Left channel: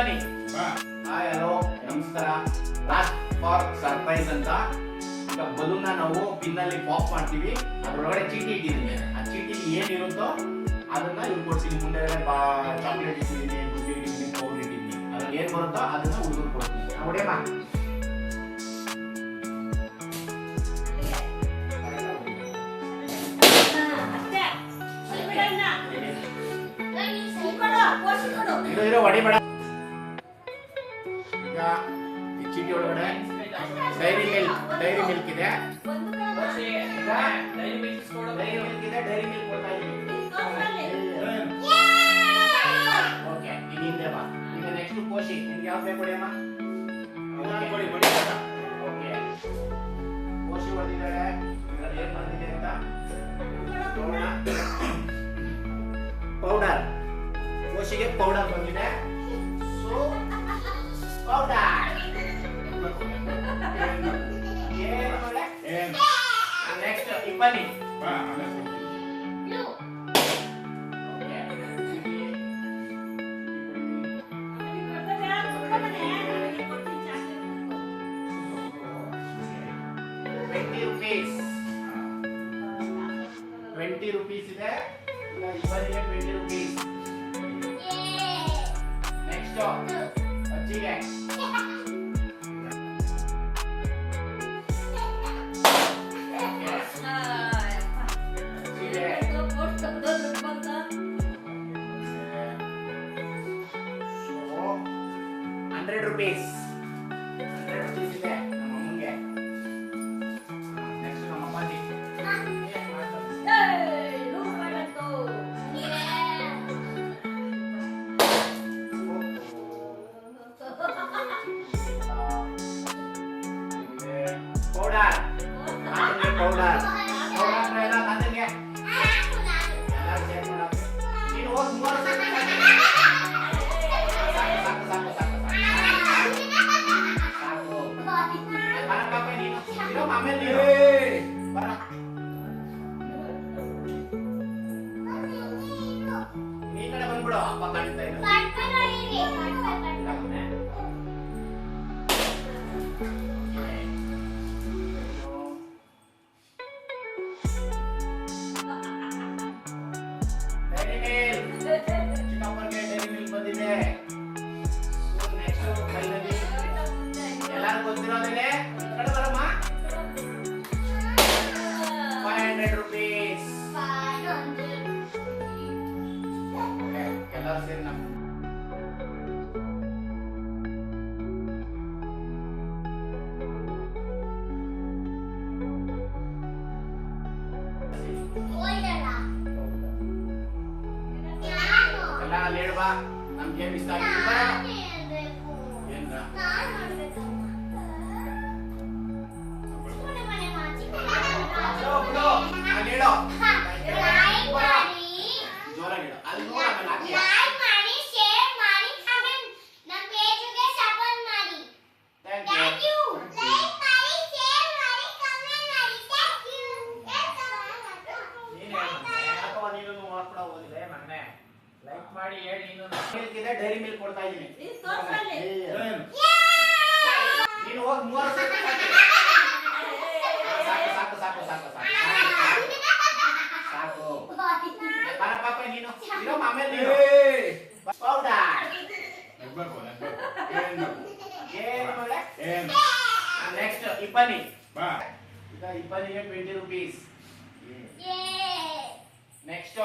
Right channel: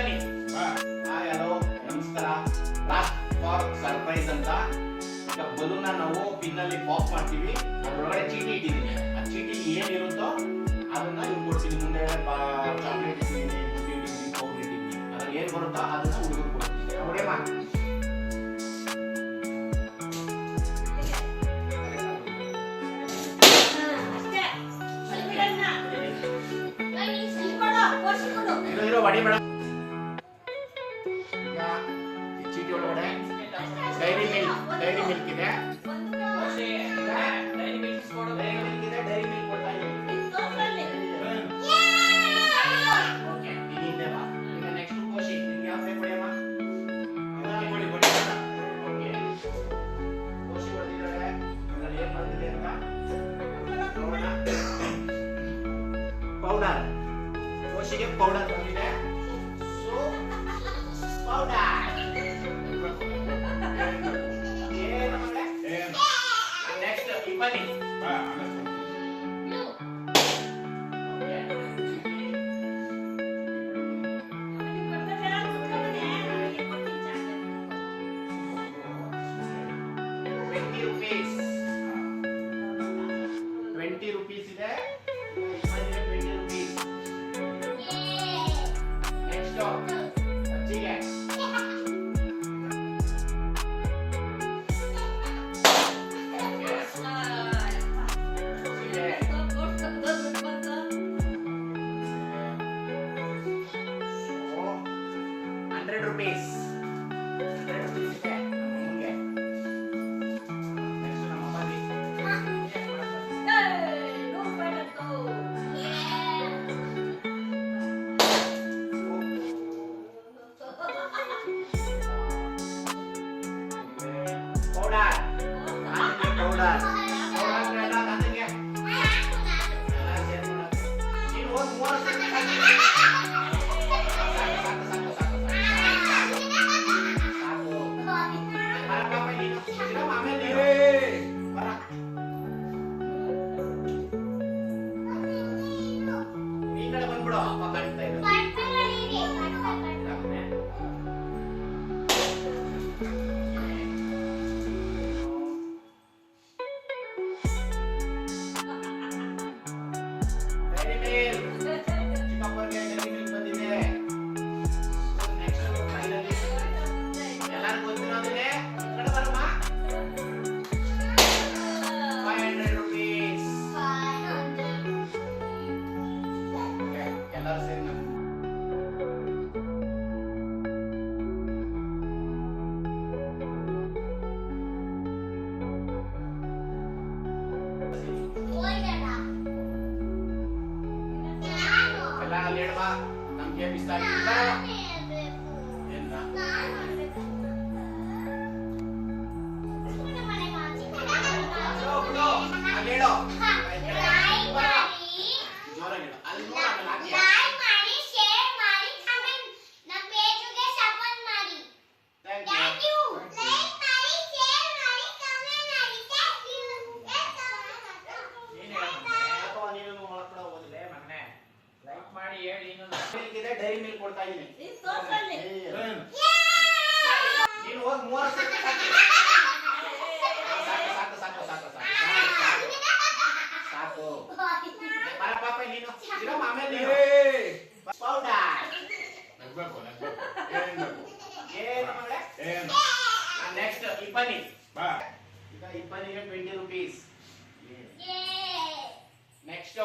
ಇಪ್ಪನಿ. Hi hello ನಮಸ್ಕಾರ. Last for surprise ಅಂತ ಈಗ ಬಲೂನ್ ನಾವು ಪಿನ್ ಅಲ್ಲಿ ಪಾಪ್ ಮಾಡ್ತೀವಿ. ಅದರೊಳಗಡೆ ಚೀಟಿ ಇಟ್ಟಿದ್ದೀನಿ. ಆ ಚೀಟಿಲಿ ಏನಿರುತ್ತೋ ಅದನ್ನ ಇವ್ರು ಕೊಡ್ತೀನಿ. ಮುಂದೆ ಚಾಕ್ಲೇಟ್ ಇಟ್ಟಿದ್ದೀನಿ, ಬುದ್ಧಿ ಇಟ್ಟಿದ್ದೀನಿ, ಪೌಡರ್ ಇಟ್ಟಿದ್ದೀನಿ. ಅದ್ರಲ್ಲಿ ಏನ್ ಬರುತ್ತೋ ಅದನ್ನ ಹುಡುಗರು ಕೊಡ್ತೀನಿ. ನೋಡಿಯಮ್ಮ ಇರೋ ವಡಿ ಬೇಡ. ಈಗ ಈ ಚೀಟಿ ಒಳಗಡೆ ಡೈರಿ ಮಿಲ್ಕ್ ಇದೆ. ಡೈರಿ ಮಿಲ್ಕ್ ಇದೆ. ಡೈರಿ ಮಿಲ್ಕ್ ಕೊಡ್ತಾ ಇದ್ದೀನಿ. ಓಕೆ ಇಲ್ಲಿಂದ ಬಾ. ಈಗ ನೆಕ್ಸ್ಟ್ ಕೋಶಿ ನಿಮ್ಗೆ ಯಾವ ಬೇಕು ಅಮ್ಮ? ಕೊಡಿ ಓಕೆ ಕೋಶಿ ಹೊಡೆದಿದ್ದಾರೆ. ಇದರಲ್ಲಿ ಏನು ಬಂದಿದೆ ಅಂತ ಪೌಡರ್. ಕೋಶಿಗೆ ಪೌಡರ್ ಬಂದಿದೆ. ಸೊ ಪೌಡರ್ ನೆಕ್ಸ್ಟ್ ಇಪ್ಪನಿ. ₹20 ಇದೆ. ಇಪ್ಪನಿಗೆ ₹20. ನೆಕ್ಸ್ಟ್ ಅಜ್ಜಿಗೆ ₹100 ಇದೆ. ನಮ್ಮಮ್ಮಂಗೆ. ನೆಕ್ಸ್ಟ್ ನಮ್ಮ ಅಮ್ಮನಿಗೆ ಪೌಡರ್. ಪೌಡರ್ ನೀನು ಹೋಗಿ 3 ಬಂದ್ಬಿಡು. ಅಪ್ಪ ಕಾಣ್ತಾ ಇದ್ರು. ಚಿಕ್ಕಪ್ಪನಿಗೆ ಡೈರಿ ಮಿಲ್ಕ್ ಬಂದಿದೆ. ನೆಕ್ಸ್ಟ್ ಫೈನಲಿ ಎಲ್ಲರೂ ಗೊತ್ತಿರೋದಿದೆ. ಕಡೆ ಬರಮ್ಮ. ₹500. ಎಲ್ಲರೂ ಸೇರಿ ನಮ್ಮ ಎಲ್ಲ ಅಲ್ಲಿ ಹೇಳ್ಬಾ. ನಮ್ಗೆ ಏನ್ ಇಷ್ಟ ಆಗಿತ್ತು ಬರ. ಏನ್ರ ಅಲ್ಲಿ ಹೇಳೋ. ಜೋರಾಗಿ ಹೇಳು. ಅಲ್ಲಿ ನೋಡ ಡೈರಿ ಮಿಲ್ಕ್ ಕೊಡ್ತಾ ಇದ್ದೀನಿ. ನೀನು ಹೋಗಿ 3 ಸಾಕು ಪಾಪ ನೀನು ಇರೋ ಆಮೇಲೆ ನೀನು ಪೌಡರ್ ನೆಕ್ಸ್ಟ್ ಇಪ್ಪನಿ. ಈಗ ಇಪ್ಪನಿಗೆ ₹20. ನೆಕ್ಸ್ಟ್